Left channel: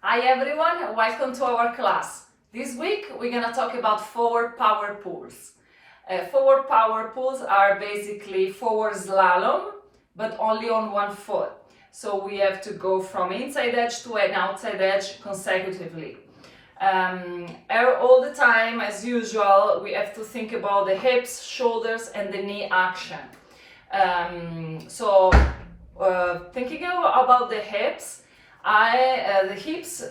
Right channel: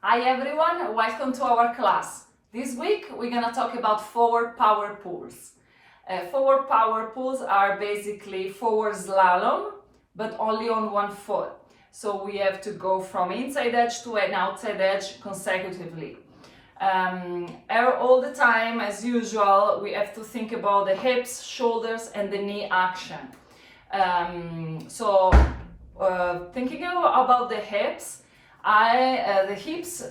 Hi everyone, welcome to our class. This week we're gonna talk about forward power pulls. Forward power pulls are basically forward slalom, but only on one foot. So we have to go from inside edge to an outside edge consecutively. All the time, as usual, we have to think about the hips, shoulders, and the knee action. Thinking about the hips, the hips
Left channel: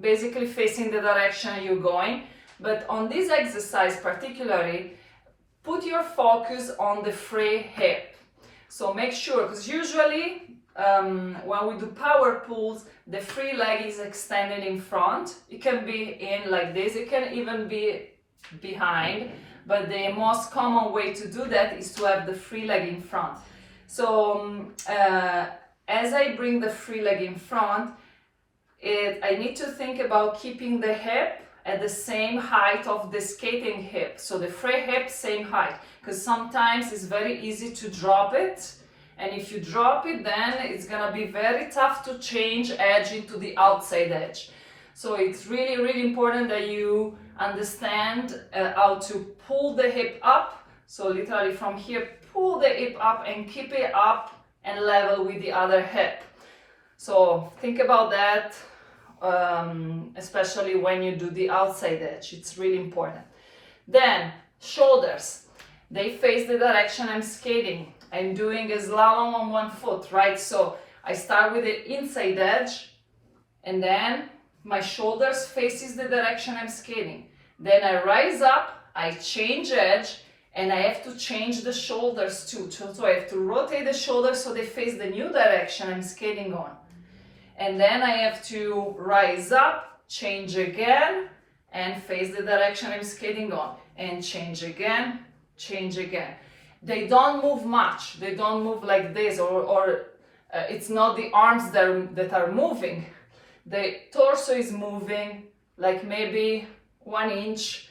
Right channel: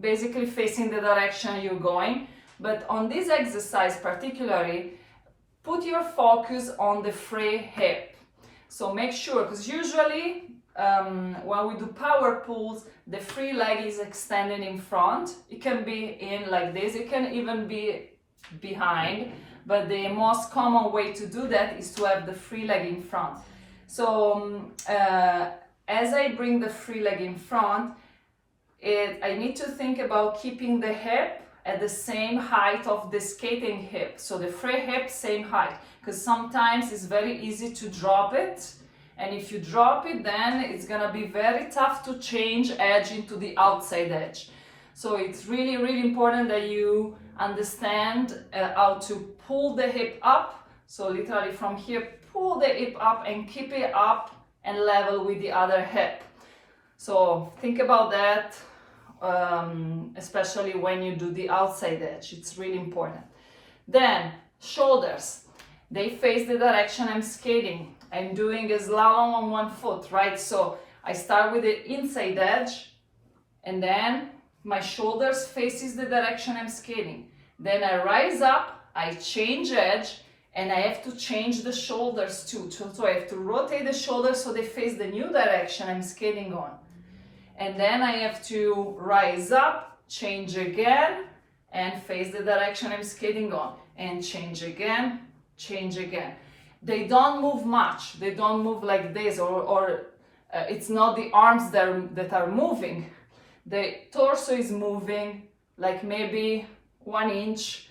basically facing the direction you're going, but on this exercise particularly, put your focus on the free hip. So make sure, because usually when we do power pulls, the free leg is extended in front. It can be in like this, it can even be behind, but the most common way to do that is to have the free leg in front. So as I bring the free leg in front, I need to think about keeping the hip at the same height of the skating hip. So the free hip, same height, because sometimes it's very easy to drop it. And if you drop it, then it's gonna be very tough to change edge into the outside edge. So it's really, really important that you understand how to pull the hip up. So literally from here, pull the hip up and keep it up and level with the other hip. So think about that, especially when you do the outside edge. It's really important. Then shoulders, they face the direction I'm skating. I'm doing a slalom on one foot, right? So I start with the inside edge, and then my shoulders faces the direction I'm skating. Then I rise up, I change edge, and I have to change the shoulders too. So I have to rotate the shoulders so they face the new direction I'm skating on. And then I have to rise up, change again, and face the direction I'm skating on. And change again, change again. They don't move much. They don't move like this, or it's not the arms that are moving. The torso is moving like maybe 1 inch,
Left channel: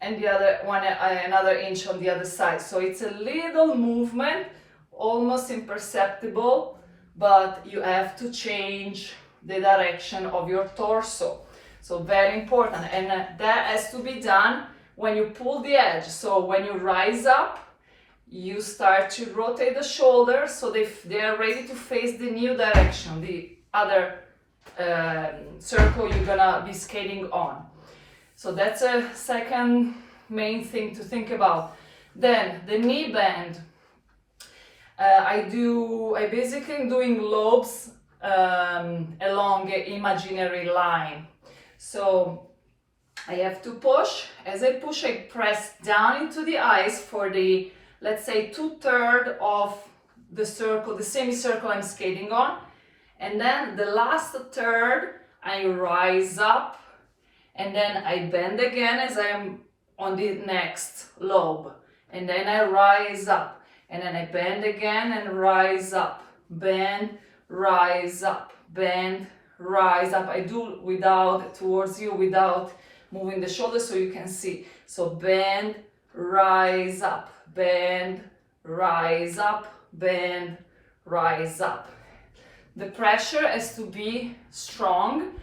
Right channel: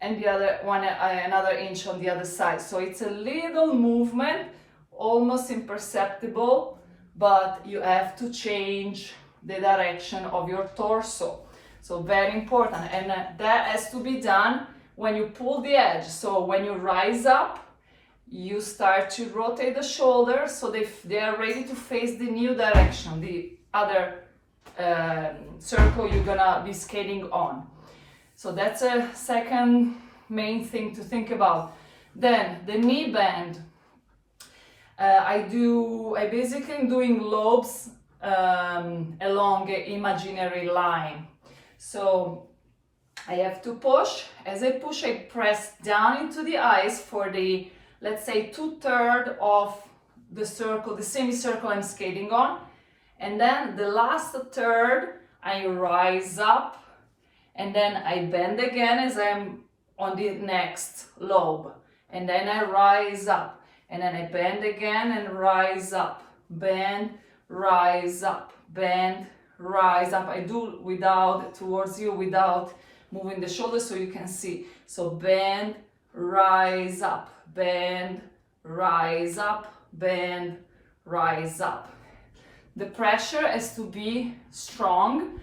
and the other one another inch on the other side. So it's a little movement, almost imperceptible, but you have to change the direction of your torso. So very important, and that has to be done when you pull the edge. So when you rise up, you start to rotate the shoulders so they are ready to face the new direction, the other circle you're gonna be skating on. So that's a second main thing to think about. Then the knee bend. I basically am doing lobes along an imaginary line. So I have to push. As I push, I press down into the ice for the, let's say, 2/3 of the circle, the semicircle I'm skating on. And then the last third, I rise up, and then I bend again as I'm on the next lobe. And then I rise up, and then I bend again and rise up, bend, rise up, bend, rise up. I do towards you without moving the shoulders so you can see. So bend, rise up, bend, rise up, bend, rise up. The pressure has to be strong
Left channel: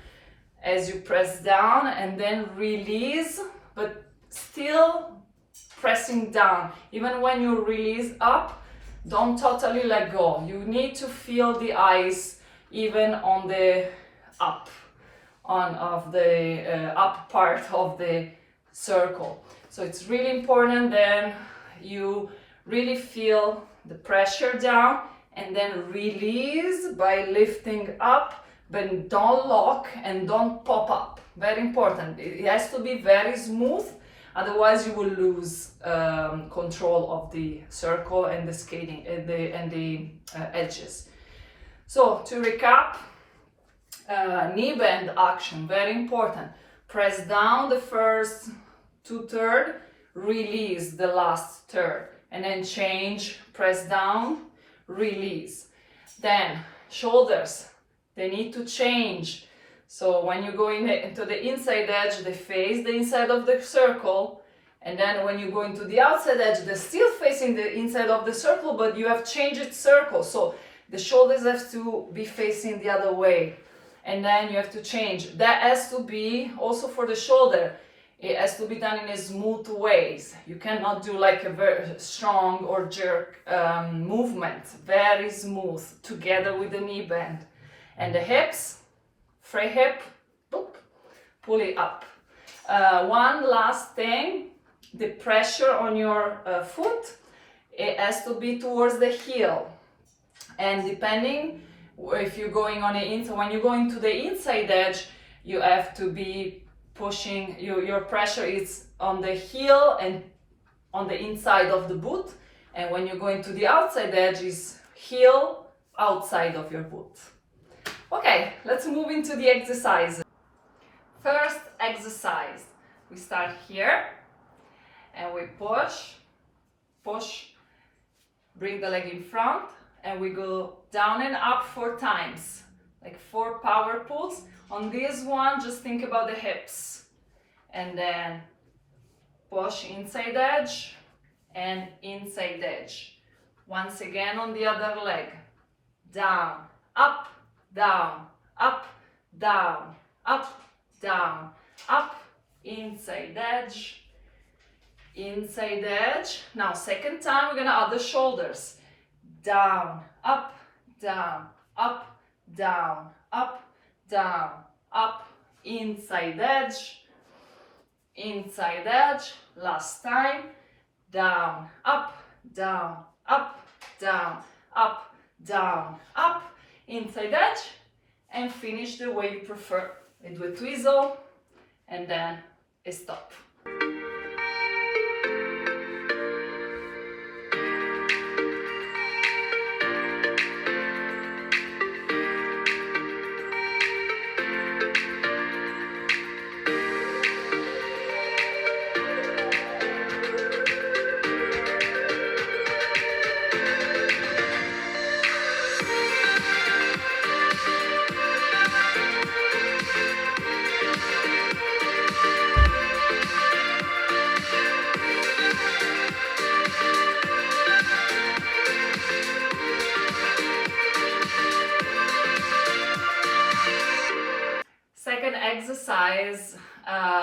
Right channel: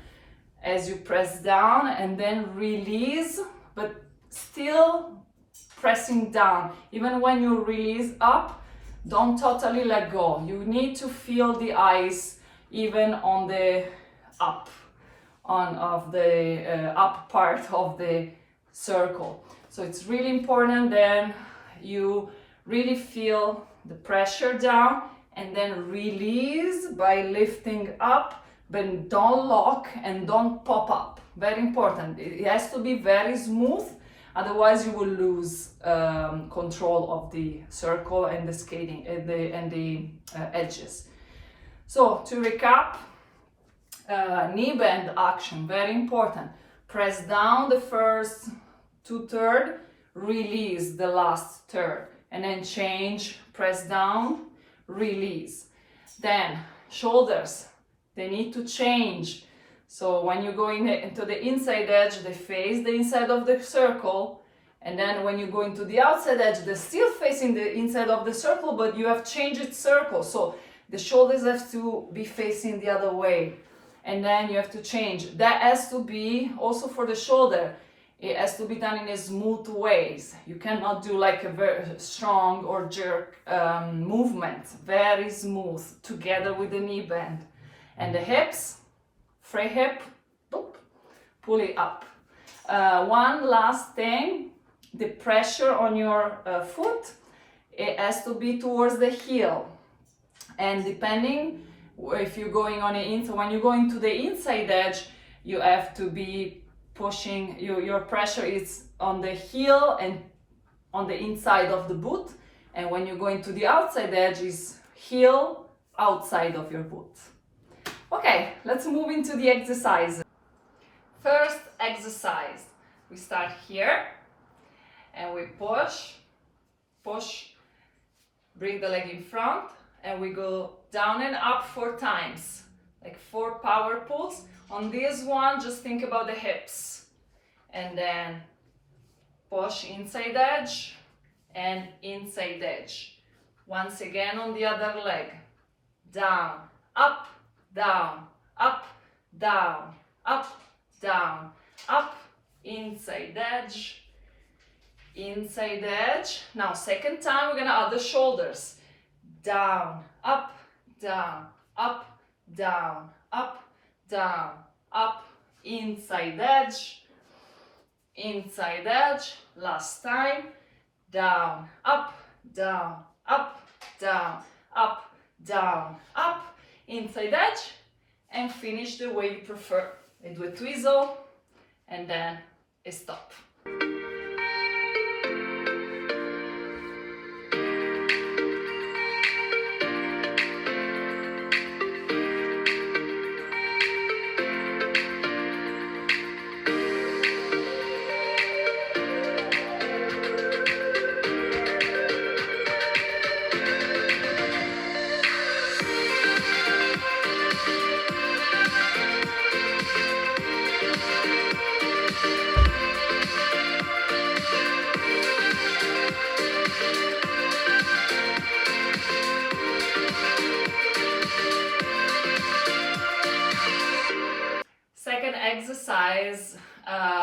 as you press down and then release, but still pressing down. Even when you release up, don't totally let go. You need to feel the ice even on the up part of the circle. So it's really important then you really feel the pressure down and then release by lifting up, but don't lock and don't pop up. Very important. It has to be very smooth, otherwise you will lose control of the circle and the skating and the edges. So to recap, knee bend action, very important. Press down the first 2/3, release the last third, and then change, press down, release. Then shoulders, they need to change. So when you go into the inside edge, they face the inside of the circle, and then when you go into the outside edge, they're still facing the inside of the circle, but you have changed its circle. So the shoulders have to be facing the other way. and then you have to change. That has to be also for the shoulder. It has to be done in a smooth ways. You cannot do like a very strong or jerk movement. Very smooth, together with the knee bend. And the hips, free hip, boop, pull it up. One last thing, the pressure on your foot, it has to be towards the heel. And depending if you're going on the inside, when you're going to the inside edge, you have to be pushing, your pressure is on the heel and on the inside of the boot. And when you're going to the outside edge, is heel outside of your boot. Okay, let's move into the exercise. First exercise, we start here and we push, bring the leg in front, and we go down and up 4 times, like 4 power pulls. On this one, just think about the hips, and then push inside edge and inside edge. Once again on the other leg, down, up, down, up, down, up, down, up, inside edge, inside edge. Now second time we're gonna add the shoulders, down, up, down, up, down, up, down, up, inside edge, last time, down, up, down, up, down, up, down, up, inside edge, and finish the way you prefer. I do a twizzle and then a stop. Second exercise,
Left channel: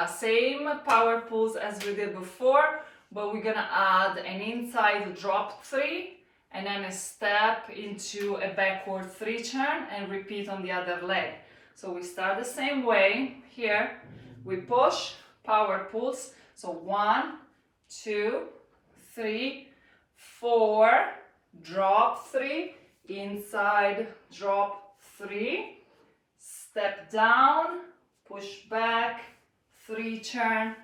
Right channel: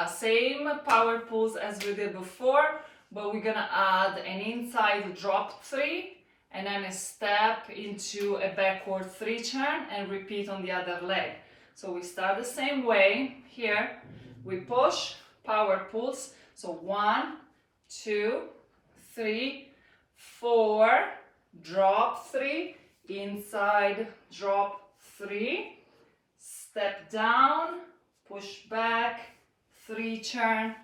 same power pulls as we did before, but we're gonna add an inside drop 3 and then a step into a backward 3 turn and repeat on the other leg. So we start the same way. Here we push, power pulls, so 1, 2, 3, 4, drop 3, inside drop 3, step down, push back, 3 turn,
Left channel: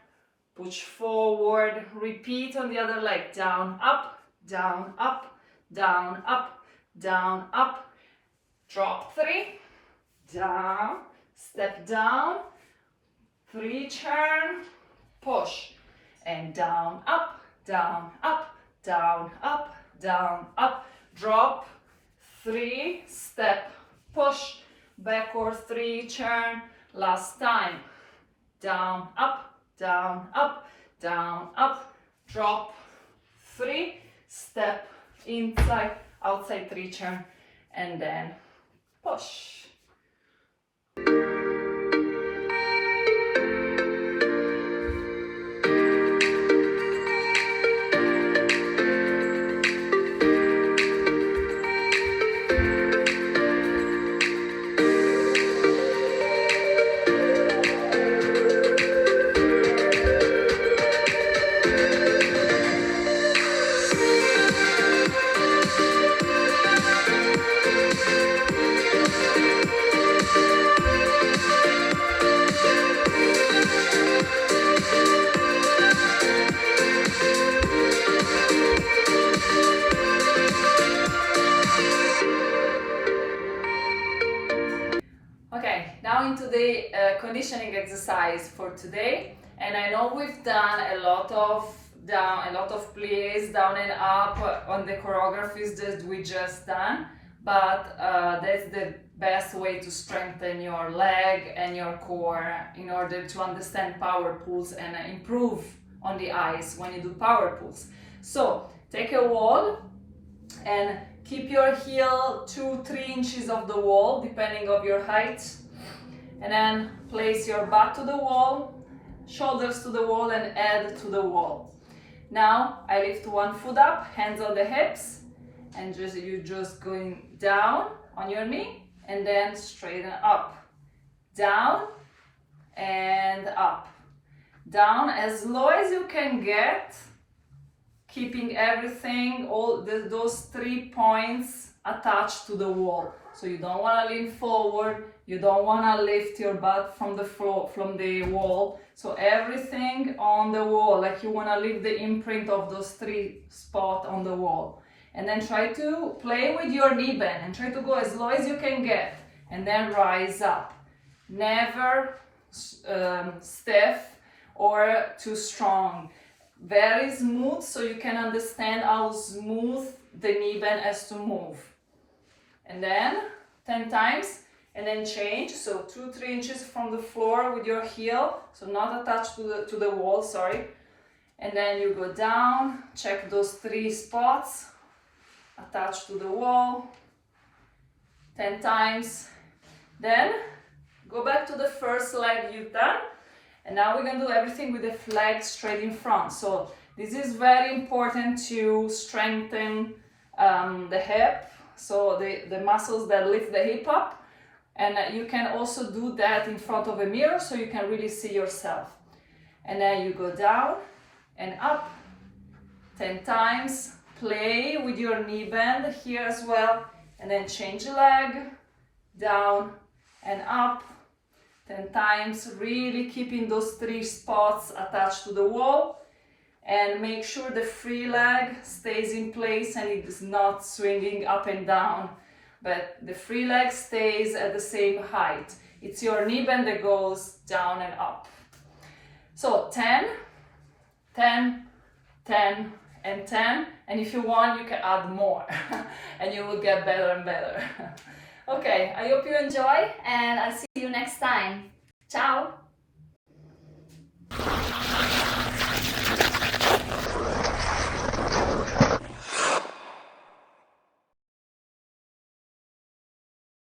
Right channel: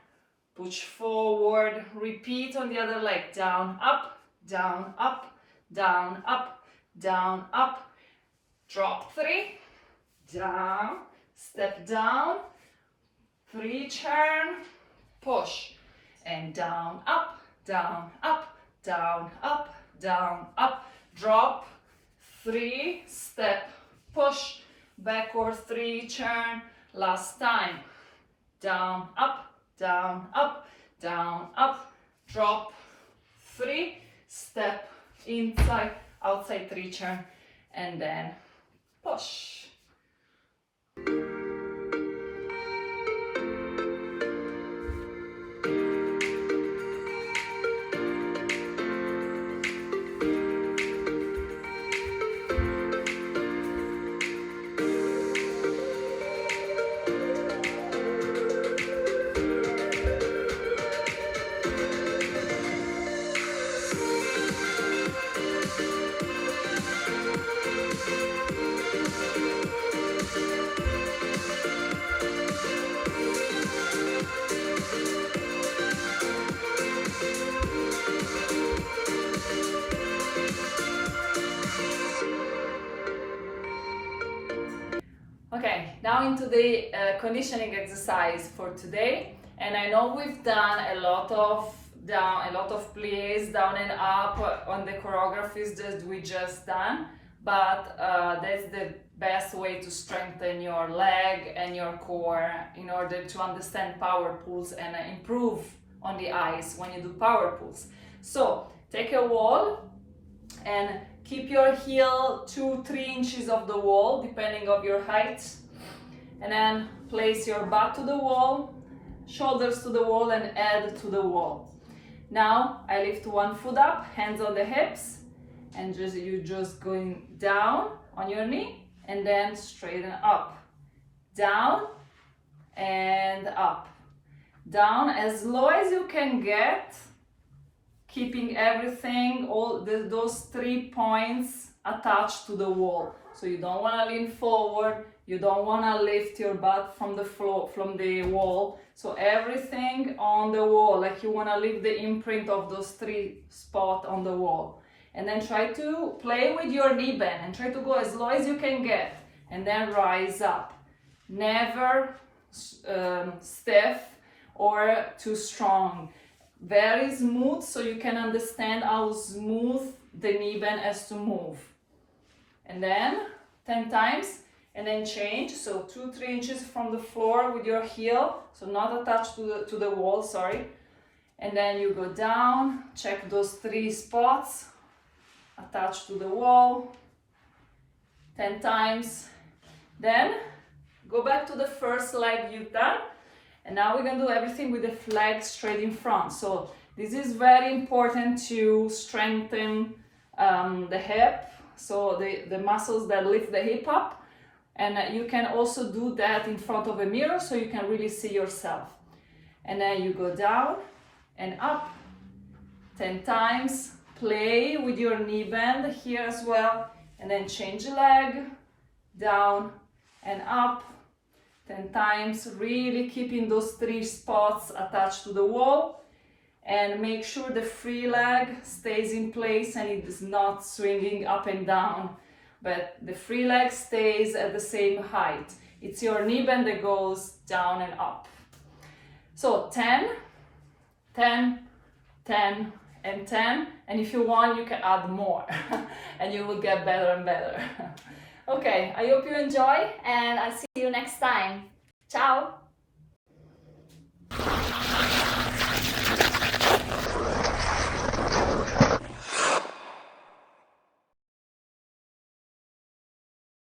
push forward, repeat on the other leg, down, up, down, up, down, up, down, up, drop 3, down, step down, 3 turn, push, and down, up, down, up, down, up, down, up, drop, 3, step, push, backward 3 turn, last time, down, up, down, up, down, up, drop, 3, step, inside, outside 3 turn, and then push. Okay, now into the conditioning exercise for today. And I know we've done a lot of pliés down and up on the choreographies that we just done, but that's the best way to strengthen your leg and your core in order to understand power pulls and improve on the eyes when you do power pulls. So take a wall and keep your heel 2-3 inches off the wall, depending on your height. and then place your butt to the wall, shoulders to the wall, and head to the wall. Now I lift one foot up, hands on the hips, and you're just going down on your knee and then straighten up, down and up, down as low as you can get, keeping everything, those 3 points attached to the wall. So you don't want to lean forward, you don't want to lift your butt from the floor, from the wall. So everything on the wall, like you want to leave the imprint of those 3 spots on the wall. And then try to play with your knee bend and try to go as low as you can get, and then rise up. Never stiff or too strong. Very smooth, so you can understand how smooth the knee bend has to move. And then 10 times, and then change. So 2-3 inches from the floor with your heel, so not attached to the wall, sorry. And then you go down, check those 3 spots attached to the wall, 10 times. Then go back to the first leg you've done, and now we're gonna do everything with the leg straight in front. So this is very important to strengthen the hip, so the muscles that lift the hip up, and you can also do that in front of a mirror so you can really see yourself. And then you go down and up 10 times. Play with your knee bend here as well, and then change leg, down and up 10 times, really keeping those 3 spots attached to the wall, and make sure the free leg stays in place and it is not swinging up and down, but the free leg stays at the same height. It's your knee bend that goes down and up. So 10, 10, 10, and 10, and if you want you can add more and you will get better and better. Okay, I hope you enjoy, and I'll see you next time. Ciao!